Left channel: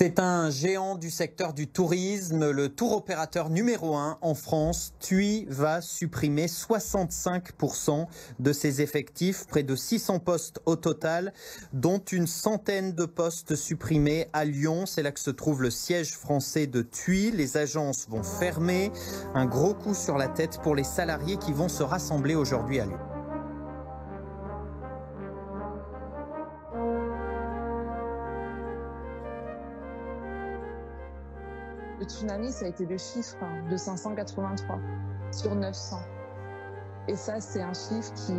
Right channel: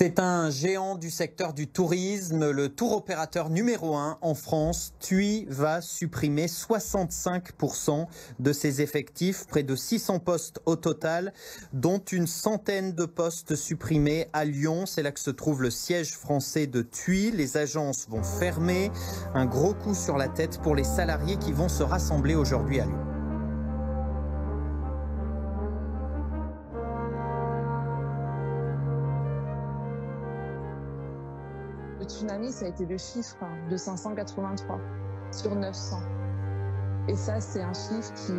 C'est un géant du secteur du tourisme, le tour opérateur numéro 1 en France. TUI va supprimer 65% de ses effectifs, près de 600 postes au total, dont une centaine de postes supprimés à Lyon. C'est là que se trouve le siège français de TUI. Les agences vont fermer. Un gros coup sur la tête pour les salariés qui vont se rassembler aujourd'hui à Lyon. Le tsunami, ça a été le chiffre de 583 sur 900. Et ça, c'est un chiffre qui...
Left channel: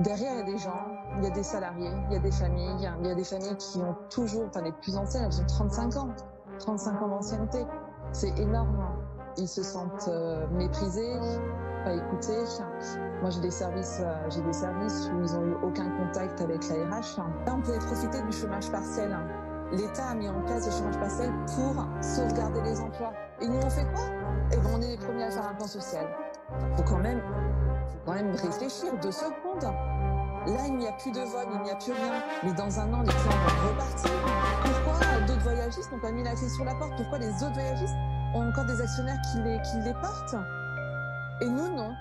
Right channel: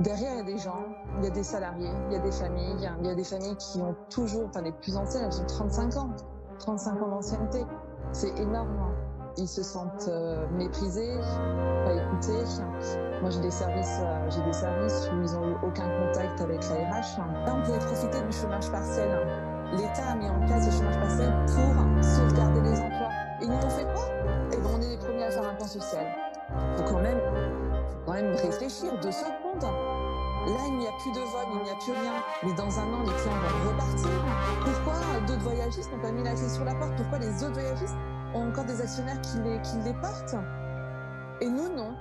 Derrière, il y a des gens, il y a des salariés, il y a des familles. Il y a des familles qui ont toujours, enfin les plus anciennes, elles ont 35 ans. 35 ans d'ancienneté. C'est énorme. Ils se sentent méprisés, pas écoutés. Moi, j'ai des services où ils n'ont eu aucun contact avec la RH. Là, on pouvait profiter du chômage partiel. L'État a mis en place le chômage partiel pour sauvegarder les emplois. Et nous, on fait quoi? Eh ben, on est les premiers à faire un plan social. Faut quand même réfléchir 2 secondes. Là, il n'y a plus de vol, il n'y a plus rien. Mais dans un an, les clients vont repartir. Pourquoi d'autres voyagistes n'ont pas mis la clé sur la porte? Pourquoi les autres voyagistes ont encore des actionnaires qui les portent? Et nous, non.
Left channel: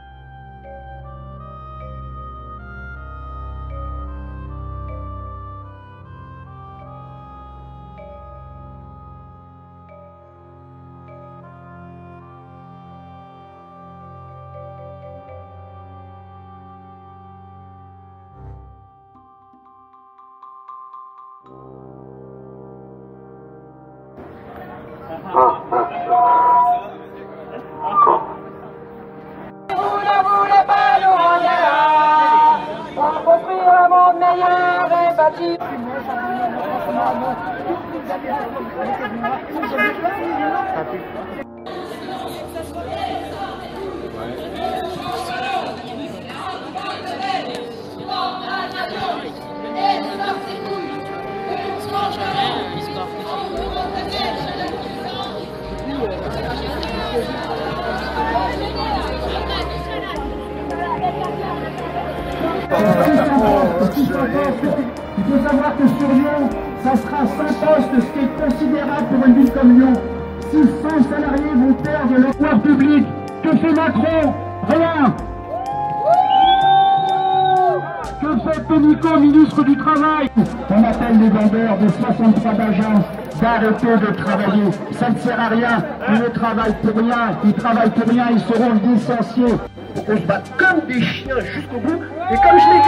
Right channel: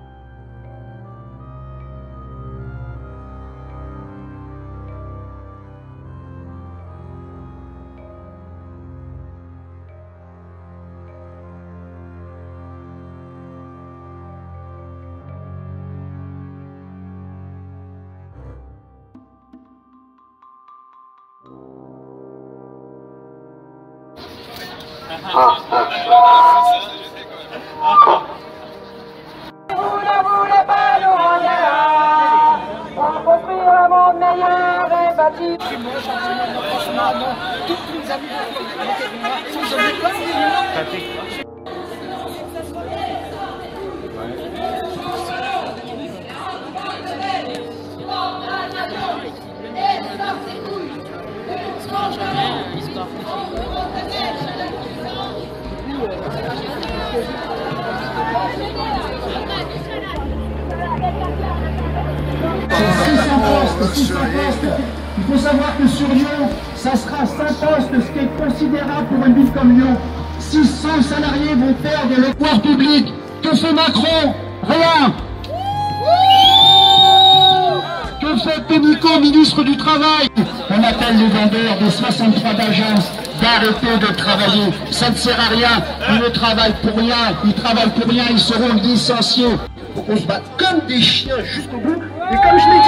Vous ne voulez pas nous rendre pour construire un monde meilleur et bâti. Franchement, non. Tous les amis avec moi, ils ont eu peur. Il faut savoir que sur Lyon, ça sera 5 postes, ce qui est considérable pour une ville comme Lyon. 600 salariés vont perdre le pouvoir public. Que fait Macron? Rien. Que fait Nico, ministre du Travail? On appelle les vendeurs des 63 agences d'arrêter de travailler. Ça ne sert à rien. Ils ne travaillent pour rien. Ils travaillent pour rien. Ils seront licenciés. Faut qu'on se batte comme des chiens jusqu'au bout. Et comme je l'ai